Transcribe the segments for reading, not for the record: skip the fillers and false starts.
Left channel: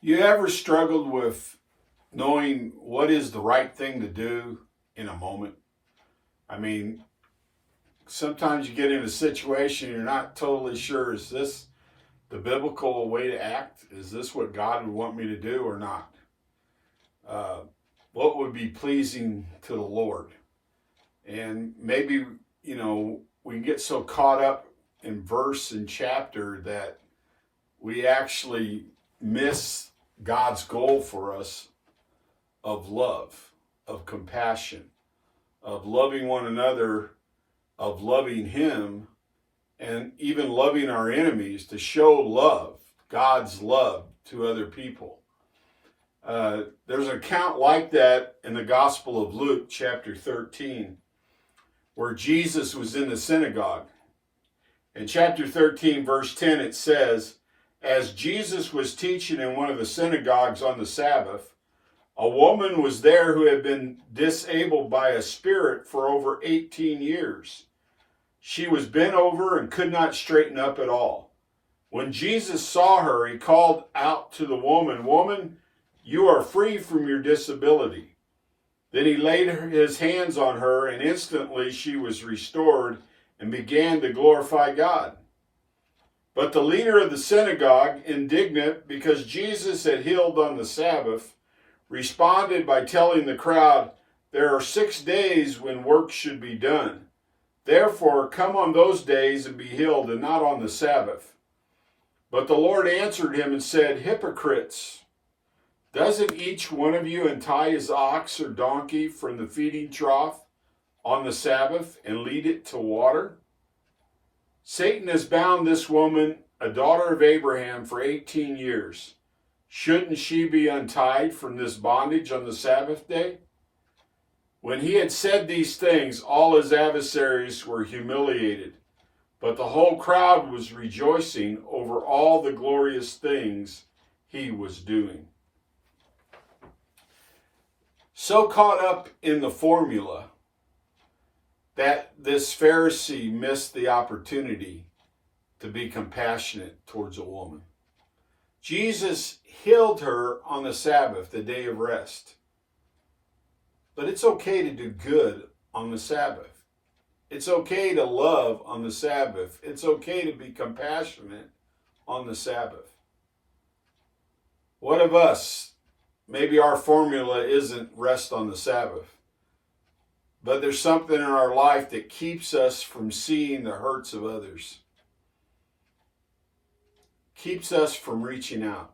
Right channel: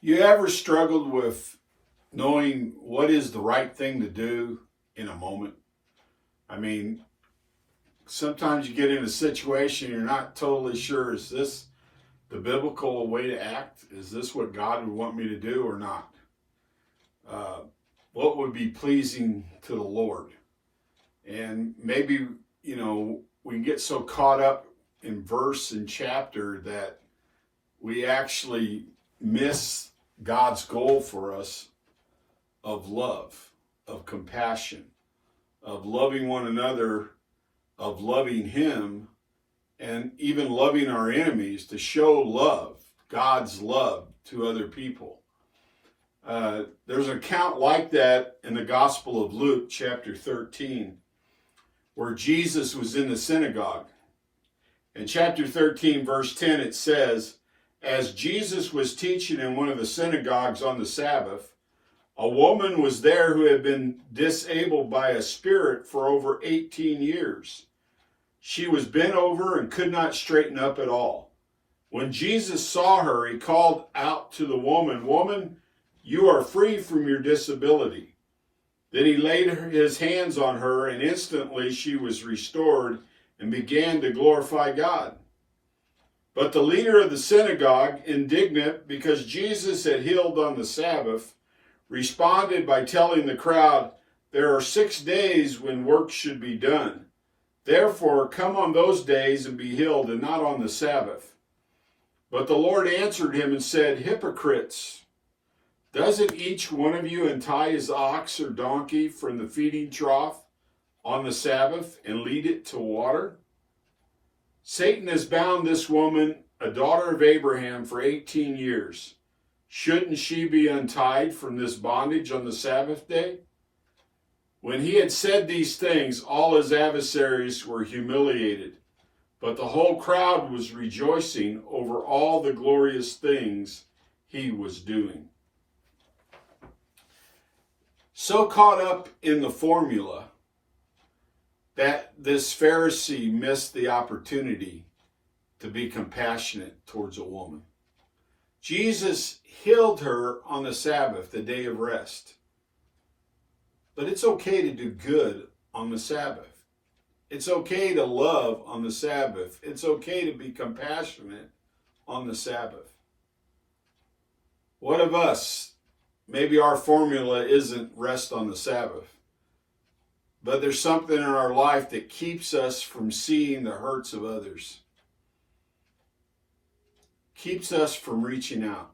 You ever struggled with knowing what is the right thing to do in a moment? I mean, sometimes you get in a situation you're not totally sure, is this the biblical way to act? Is this what God would want me to do or not? Uh, what would be pleasing to the Lord? And maybe, we get so caught up in verse and chapter that we actually miss God's goal for us of love, of compassion, of loving one another, of loving Him, and even loving our enemies, to show love, God's love to other people. There's an account like that in the Gospel of Luke, chapter 13, where Jesus was in the synagogue. In chapter 13, verse 10, it says, "As Jesus was teaching in one of the synagogues on the Sabbath, a woman was there who had been disabled by a spirit for over 18 years. She was bent over and could not straighten up at all. When Jesus saw her, he called out to the woman, 'Woman, you are free from your disability.' Then he laid his hands on her, and instantly she was restored and began to glorify God. But the leader of the synagogue, indignant because Jesus had healed on the Sabbath, responded by telling the crowd, 'There are 6 days when work should be done. Therefore, come on those days and be healed, and not on the Sabbath.' But the Lord answered him and said, 'Hypocrites! Doesn't each one of you untie his ox or donkey from the feeding trough on the Sabbath and lead it to water? Satan has bound this woman, a daughter of Abraham, for 18 years. Shouldn't she be untied from this bondage on the Sabbath day?' When he had said these things, all his adversaries were humiliated, but the whole crowd was rejoicing over all the glorious things he was doing." So caught up in the formula that this Pharisee missed the opportunity to be compassionate towards a woman. Jesus healed her on the Sabbath, the day of rest. But it's okay to do good on the Sabbath. It's okay to love on the Sabbath. It's okay to be compassionate on the Sabbath. What of us? Maybe our formula isn't rest on the Sabbath, but there's something in our life that keeps us from seeing the hurts of others, keeps us from reaching out,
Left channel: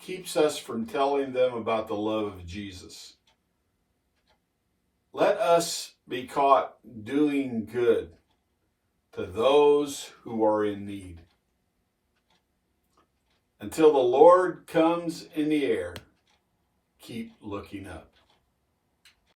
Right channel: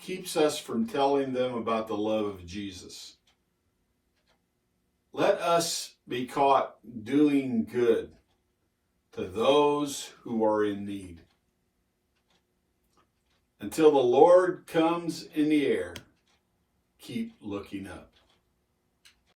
keeps us from telling them about the love of Jesus. Let us be caught doing good to those who are in need. Until the Lord comes in the air, keep looking up.